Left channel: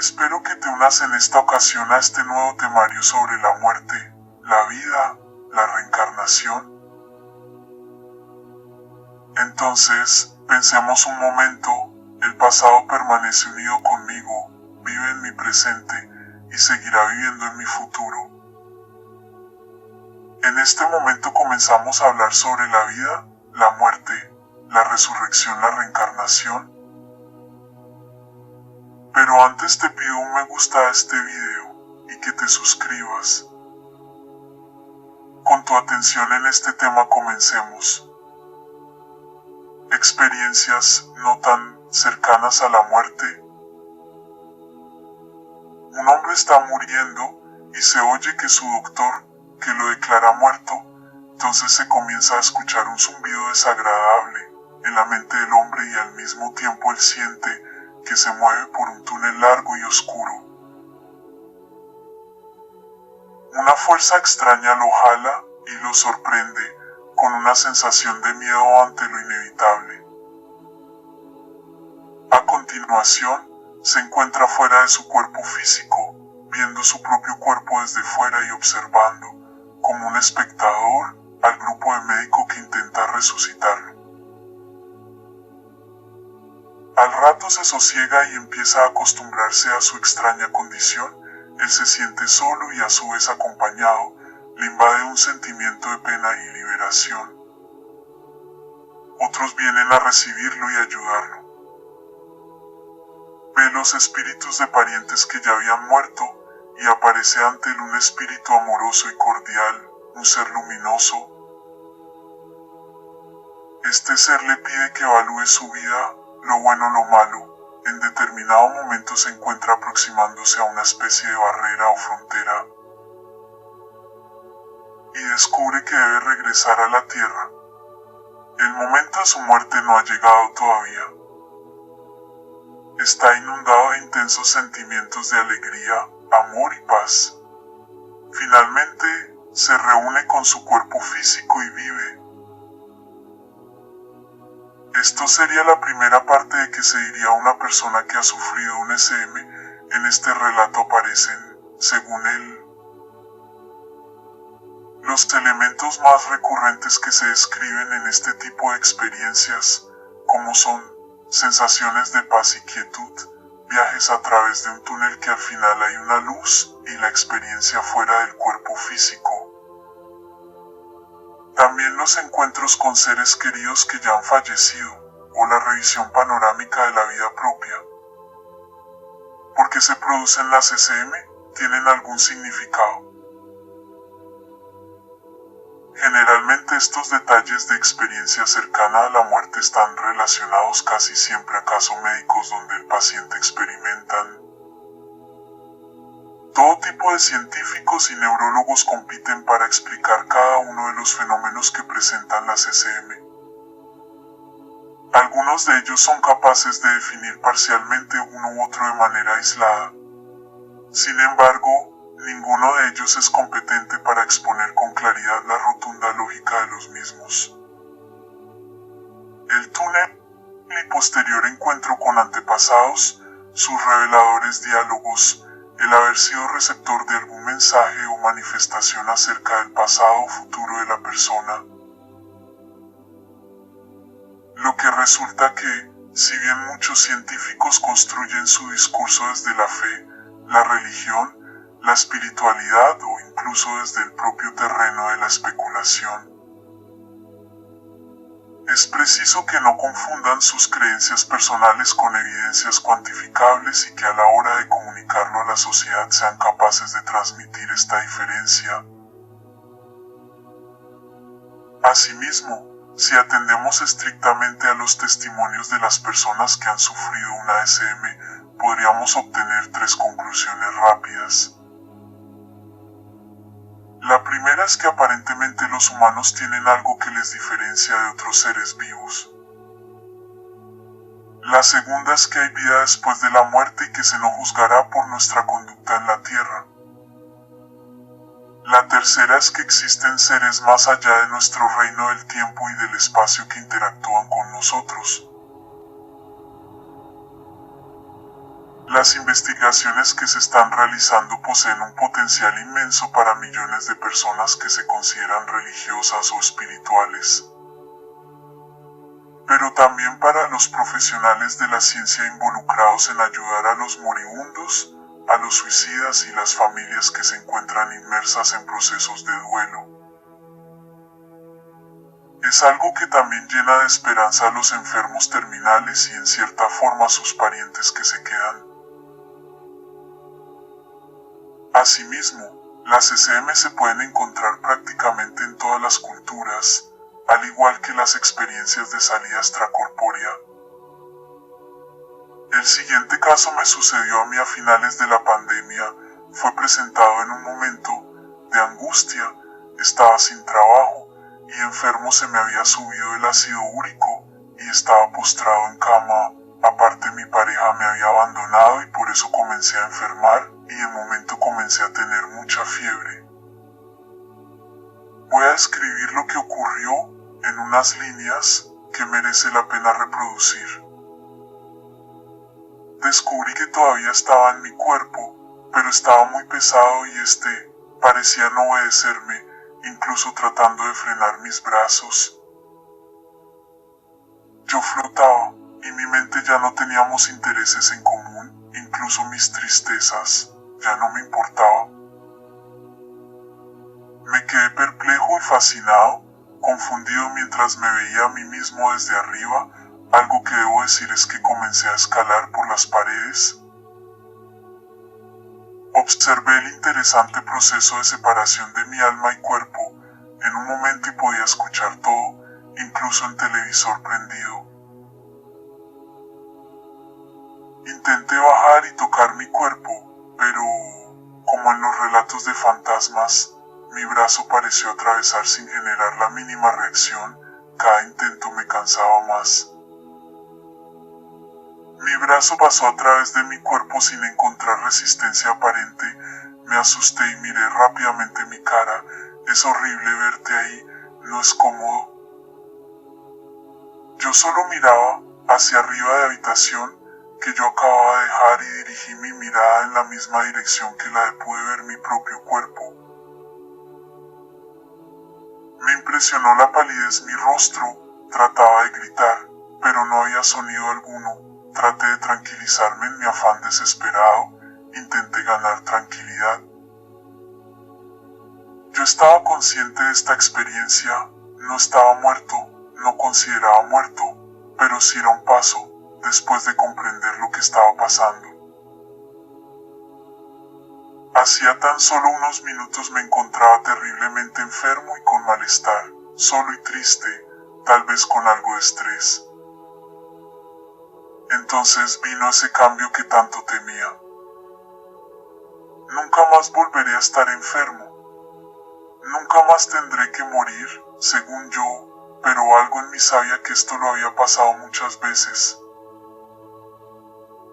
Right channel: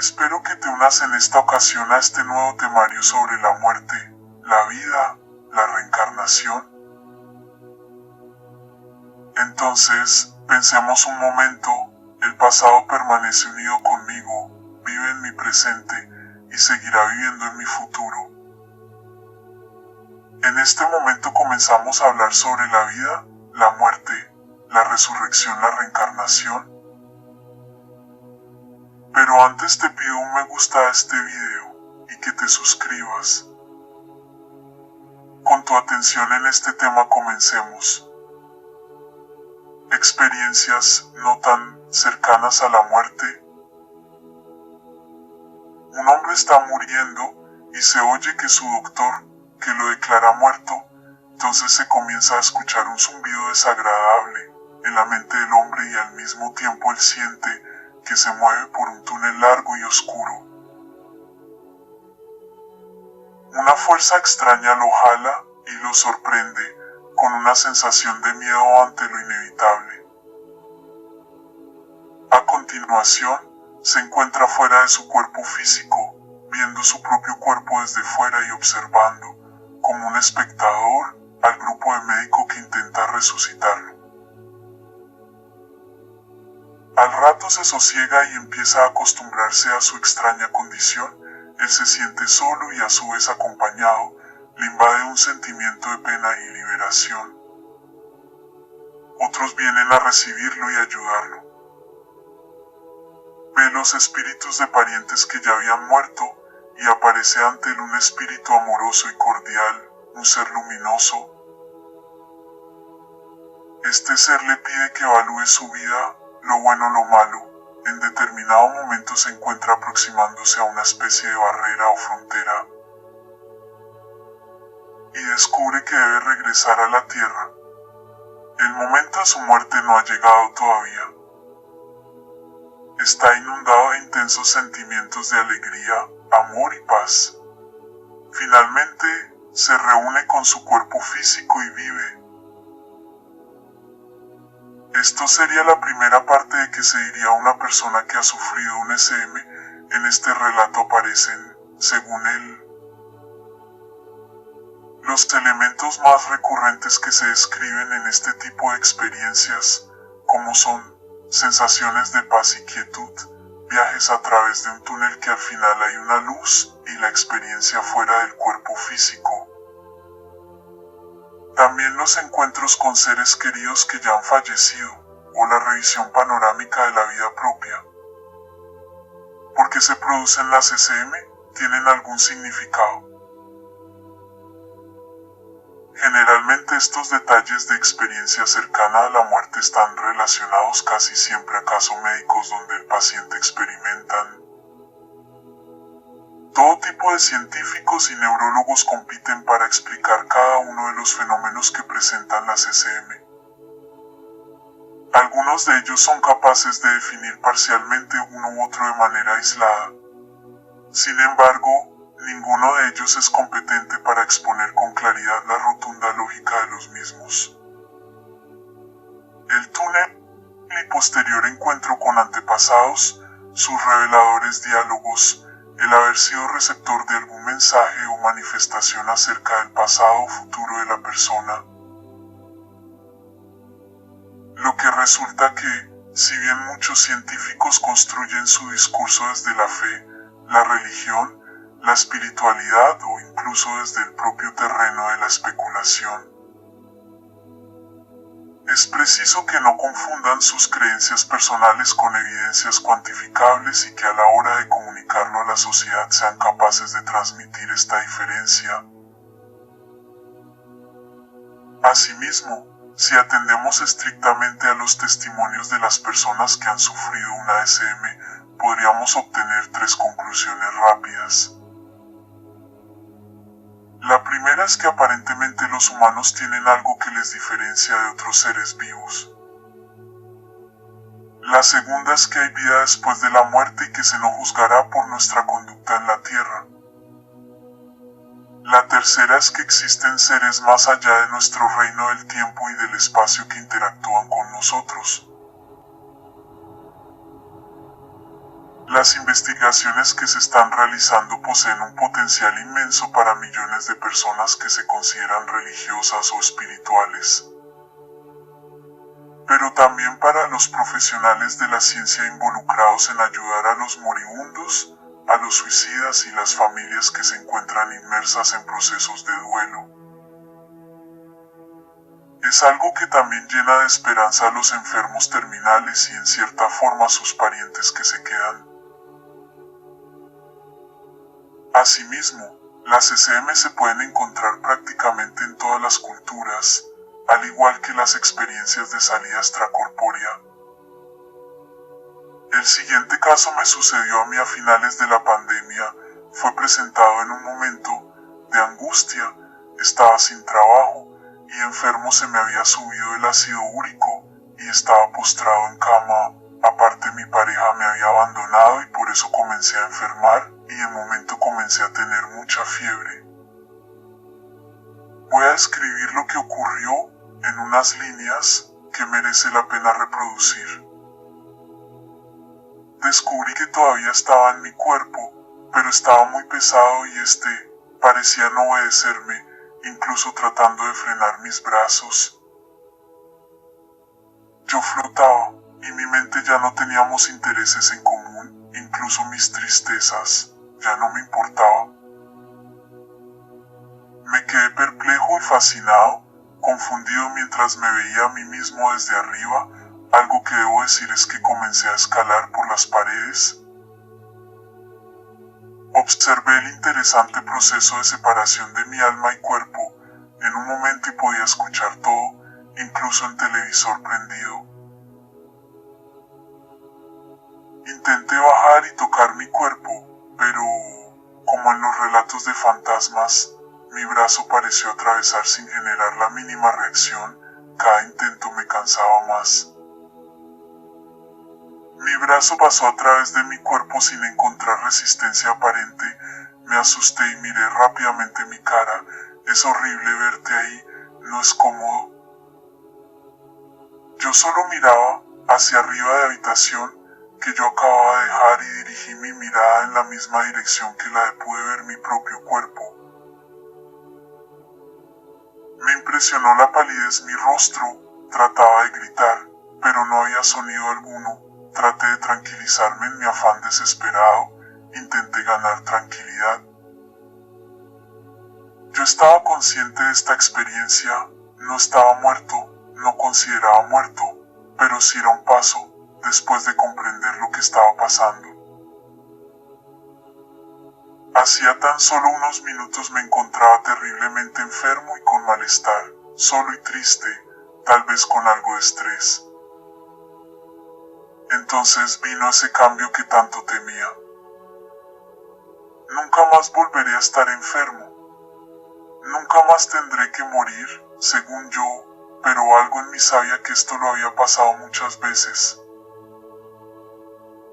Espero que te unas en esta ocasión a este nuevo temario sobre la muerte, la vida, la reencarnación. Entonces, pensemos un momento, el pasado permanece unido conmigo, vive en mi presente y seguirá viviendo en mi futuro. En este momento comenzamos a hablar sobre la vida, la muerte, la resurrección, la reencarnación. Pero antes te pido un me gusta a este video y que te suscribas. Con tu atención en este tema comencemos. Experiencias no tan cercanas a la muerte. Un hombre está muriendo y se oye que su doctor, que lo declara muerto, entonces se comienza a escuchar un zumbido desagradable en la mente del hombre y al mismo tiempo él siente que se mueve por un túnel largo y oscuro. Una fuerza extraña lo jala y lo sorprende con una sensación de miedo ante lo inevitable. A continuación, se encuentra fuera de su cuerpo físico, viendo su propio cuerpo desde fuera y observando, como un espectador, al grupo de médico que intenta resucitarlo. Al rato se sosiega y empieza a acostumbrarse a su extraña condición. Él se siente solo y a su vez acompañado, le invade un sentimiento de pena y liberación. Otros vienen a recibirlo y ayudarlo. Ve los espíritus de parientes que ya habían muerto y aparece ante él un espíritu amoroso y cordial, un ser luminoso. Este ser le pide que evalúe su vida, lo bueno o lo malo. En determinado momento se encuentra aproximándose a una especie de barrera o frontera y descubre que debe regresar a la tierra. El momento de su muerte no ha llegado todavía. Está inundado de intensos sentimientos de alegría, amor y paz. Finalmente, se reúne con su cuerpo físico y vive. Esto sería la primera parte de que se diría una persona que ha sufrido un SM. En este relato aparecen, según él, los elementos más recurrentes que se describen en este tipo de experiencias, como son sensaciones de paz y quietud, viajes a través de un túnel que al final hay una luz y la experiencia fuera del cuerpo físico. También los encuentros con seres queridos que ya han fallecido, o la revisión panorámica de la vida propia. ¿Por qué se producen las SM? ¿Tienen algún significado? Generalmente estos detalles de experiencia cercana a la muerte están relacionados casi siempre a casos médicos donde el paciente experimentan. Todo tipo de científicos y neurólogos compiten para explicar cada uno de los fenómenos que presentan las SM. Algunos de ellos son capaces de definir parcialmente uno u otro de manera aislada. Sin embargo, ninguno de ellos es competente para exponer con claridad la rotunda lógica de los mismos. El túnel y posterior encuentro con antepasados, sus reveladores diálogos, el haber sido receptor de algún mensaje o manifestación acerca del pasado o futuro de la persona. Lo que resulta que, si bien muchos científicos construyen su discurso desde la fe, la religión, la espiritualidad o incluso desde el propio terreno de la especulación, es preciso que no confundan sus creencias personales con evidencias cuantificables y que a la hora de comunicarlo a la sociedad sean capaces de transmitir esta diferencia. Asimismo, si atendemos estrictamente a los testimonios de las personas que han sufrido una SM, podríamos obtener tres conclusiones rápidas. La primera es que aparentemente los humanos tienen algo que les diferencia de otros seres vivos. La segunda es que hay vida después de la muerte y que se nos juzgará por nuestra conducta en la tierra. La tercera es que existen seres más allá de nuestro reino del tiempo y del espacio que interactúan con nosotros. Las investigaciones que se están realizando poseen un potencial inmenso para millones de personas que se consideran religiosas o espirituales, pero también para los profesionales de la ciencia involucrados en ayudar a los moribundos, a los suicidas y las familias que se encuentran inmersas en procesos de duelo. Es algo que también llena de esperanza a los enfermos terminales y en cierta forma a sus parientes que se quedan. Asimismo, las SM se pueden encontrar prácticamente en todas las culturas, al igual que las experiencias de salida extracorpórea. El siguiente caso me sucedió a mí a finales de la pandemia. Fue presentado en un momento de angustia. Estaba sin trabajo y enfermo, se me había subido el ácido úrico y estaba postrado en cama. Aparte, mi pareja me había abandonado y por eso comencé a enfermar y de momento comencé a tener mucha fiebre. Voy a escribir lo que ocurrió en unas líneas que merece la pena reproducir. Descubrí que todavía estaba en mi cuerpo, pero estaba muy pesado y parecía no obedecerme, incluso tratando de frenar mis brazos. Yo flotaba, y mi mente ya no teníamos intereses en común, incluso mis tristezas ya no me importaban. Me quedé perplejo y fascinado, confundido mientras me veía a mí mismo desde arriba. Algo que debo decir es que comencé a escalar por las paredes. Observé el interesante proceso de separación de mi alma y cuerpo en un momento y podía escuchar todo, incluso el televisor prendido. Intenté bajar y tocar mi cuerpo, pero, como en los relatos de fantasmas, mi brazo pareció atravesar sin generar la mínima reacción. Cada intento me cansaba más. Mi brazo pasó a través de mi cuerpo sin encontrar resistencia aparente. Me asusté y miré rápidamente mi cara. Es horrible verte ahí, no es cómodo. Yo solo miraba hacia arriba de la habitación que yo acababa de dejar y dirigí mi mirada en la misma dirección que la de pude ver mi propio cuerpo. Me impresionó la palidez mi rostro. Trataba de gritar, pero no había sonido alguno. Traté de tranquilizarme en mi afán desesperado. Intenté ganar tranquilidad. Yo estaba consciente de esta experiencia. No estaba muerto, no consideraba muerto, pero sí era un paso después de comprender lo que estaba pasando. Hacía tan solo unos minutos me encontraba terriblemente enfermo y con malestar, solo y triste, tal vez con algo de estrés. Entonces vino ese cambio que tanto temía. Nunca más volveré a estar enfermo. Nunca más tendré que morir, según yo, pero algo en mí sabía que esto lo había pasado muchas veces.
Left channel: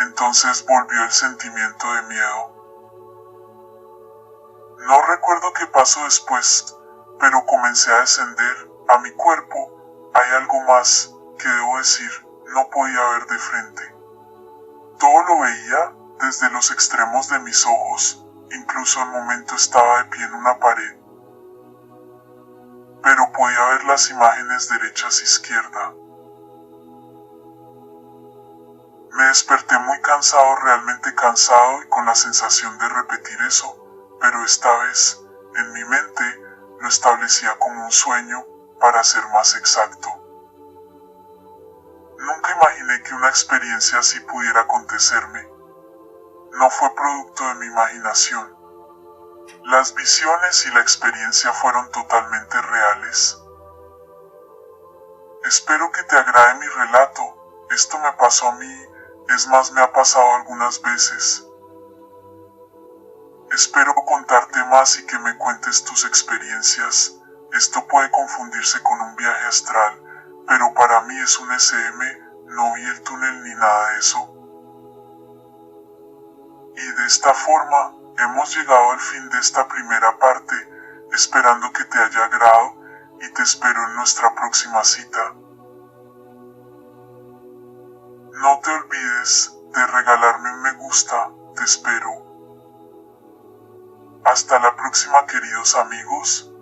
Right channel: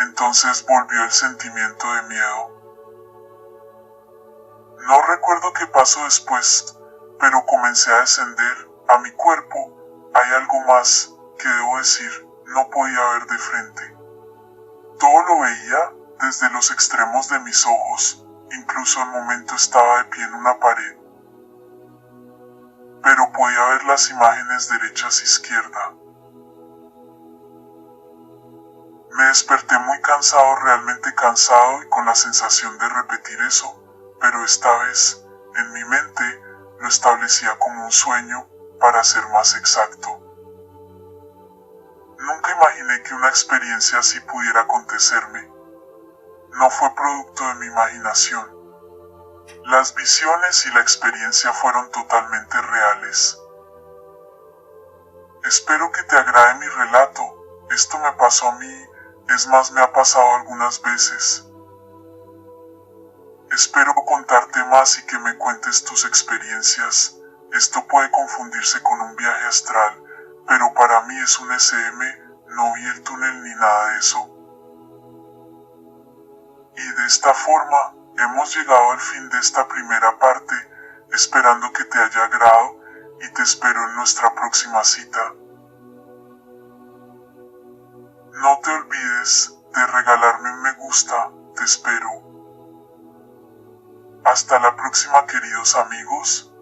Entonces volvió el sentimiento de miedo. No recuerdo qué pasó después, pero comencé a descender a mi cuerpo. Hay algo más que debo decir, no podía ver de frente. Todo lo veía desde los extremos de mis ojos, incluso al momento estaba de pie en una pared. Pero podía ver las imágenes derechas e izquierda. Me desperté muy cansado, realmente cansado y con la sensación de repetir eso, pero esta vez, en mi mente, lo establecía como un sueño, para ser más exacto. Nunca imaginé que una experiencia así pudiera acontecerme. No fue producto de mi imaginación. Las visiones y la experiencia fueron totalmente reales. Espero que te agrade mi relato. Esto me pasó a mí, es más, me ha pasado algunas veces. Espero contarte más y que me cuentes tus experiencias. Esto puede confundirse con un viaje astral, pero para mí es un SM, no vi el túnel ni nada de eso. Y de esta forma, hemos llegado al fin de esta primera parte, esperando que te haya agradado y te espero en nuestra próxima cita. No te olvides de regalarme un me gusta. Te espero. Hasta la próxima, queridos amigos.